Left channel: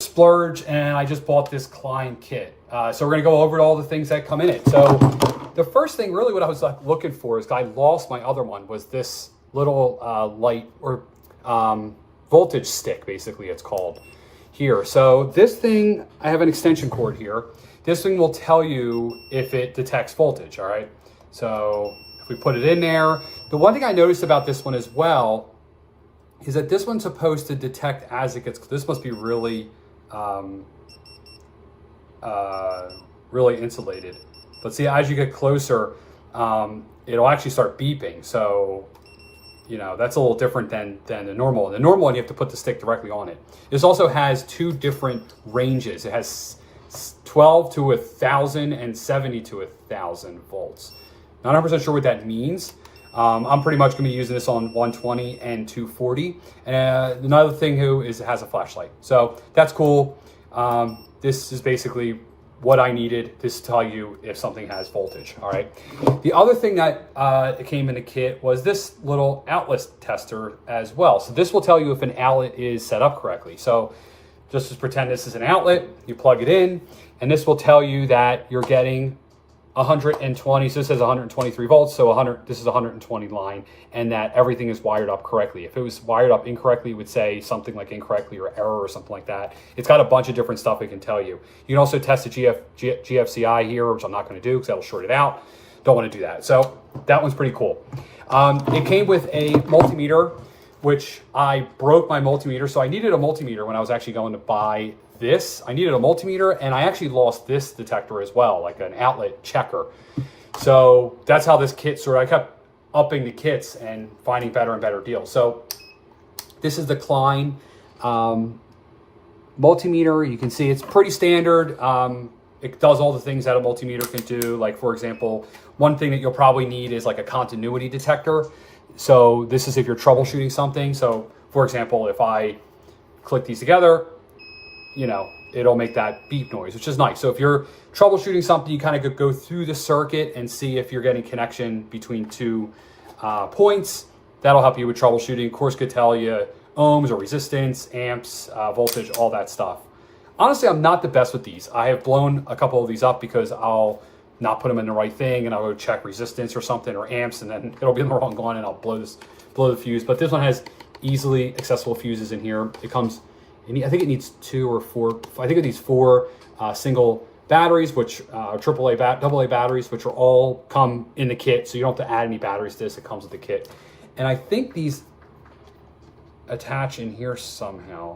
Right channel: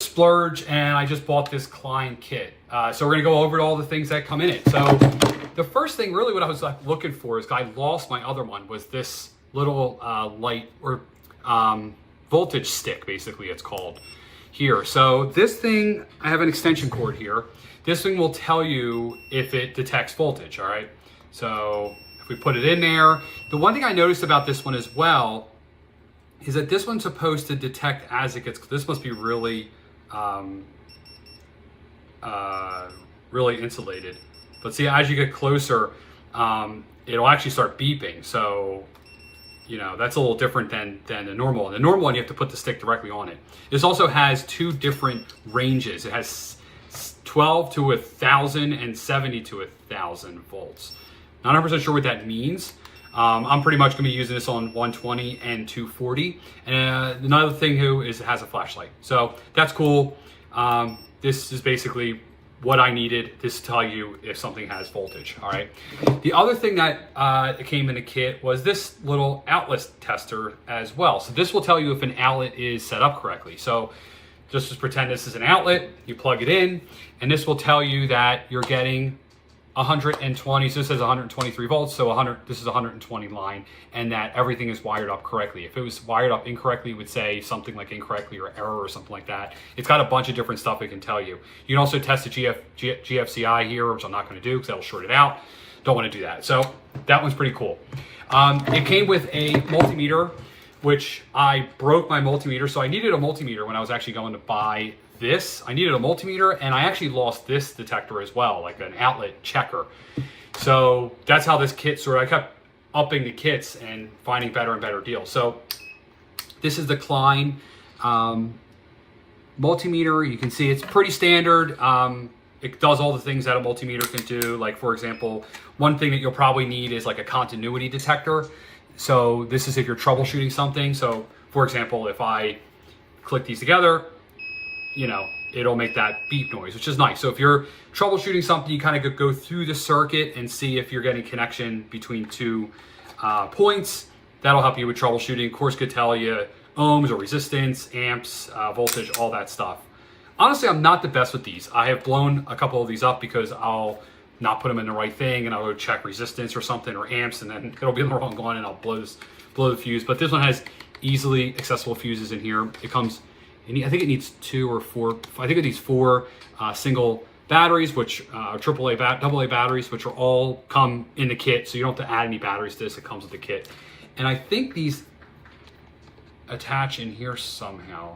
Splurge, and I just bought this Klein kit. So we're gonna go over all the things that come in it. So the first thing really what I was looking for is I lost my other one, was this little light or voltage stick, basically it's called here. So this thing, I have an extension cord here. This thing will tell you if it detects voltage, all right? So if we put it in there, the one thing I noticed about this one as well is that this one's supposed to detect as it gets, this must be really, really insulated. But see, as you get closer, it'll actually start beeping. So, you know, that's a little different than the normal one. The normal one, you have to put the stick directly on it. This also has two different ranges. It has 12 to 1,000 and 70 to 1,000 volts. Not 100% sure what that means. I'm pretty much gonna be using this on 120 and 240. And another thing is it has a flashlight. So that's cool. This is basically what I needed. This to tell you if something has voltage, all right? The other thing that came in the kit was this little outlet tester as well. So this will tell you if an outlet is set up correctly. So just pretend this is an outlet, you plug it in, and this will tell you that you're getting 120, so this says 123 volts, so this is 120 line, and that everything is wired up correctly. If it was wired up incorrectly, it would say something like incorrectly or error or something like that. It's got a bunch of different stuff it can tell you. You can also test the GFCI here, which I'm not gonna do because that'll short it out. Don't wanna do that. So that one's pretty cool. It came with a multimeter, which I broke my multimeter. So I needed a multimeter when I was actually going to buy this. I needed a multimeter, and I actually lost this detector as well, like an outlet checker. So that's how this kit I kept upping the kits and finding better and better deals. So this is the Klein multimeter. You can see it's pretty standard. It does all the things that a multimeter can do. Like, for example, one thing that you'll probably need is like a continuity detector. So this is if you're troubleshooting something. So for example, if I click these together, you know, it'll make that beep noise, which is nice. So if you're troubleshooting something, you kind of go through the circuit and see if you're getting connection between two points. That'll help you with troubleshooting. Of course, could tell you ohms or resistance, amps, voltage, all that stuff. Honestly, I'm not the best with these. I have blown a couple of these up because I'll not put them in the right thing, and I'll go check resistance or something or amps, and then it'll be in the wrong one, and I'll blow the fuse. But this one has easily accessible fuses in here. It comes, I think it needs 2 or 4. I think it needs 4 single batteries, which AA batteries, which are all come in the kit. So you don't have to add any batteries to this. It comes with the kit, and I think these attach in here somehow.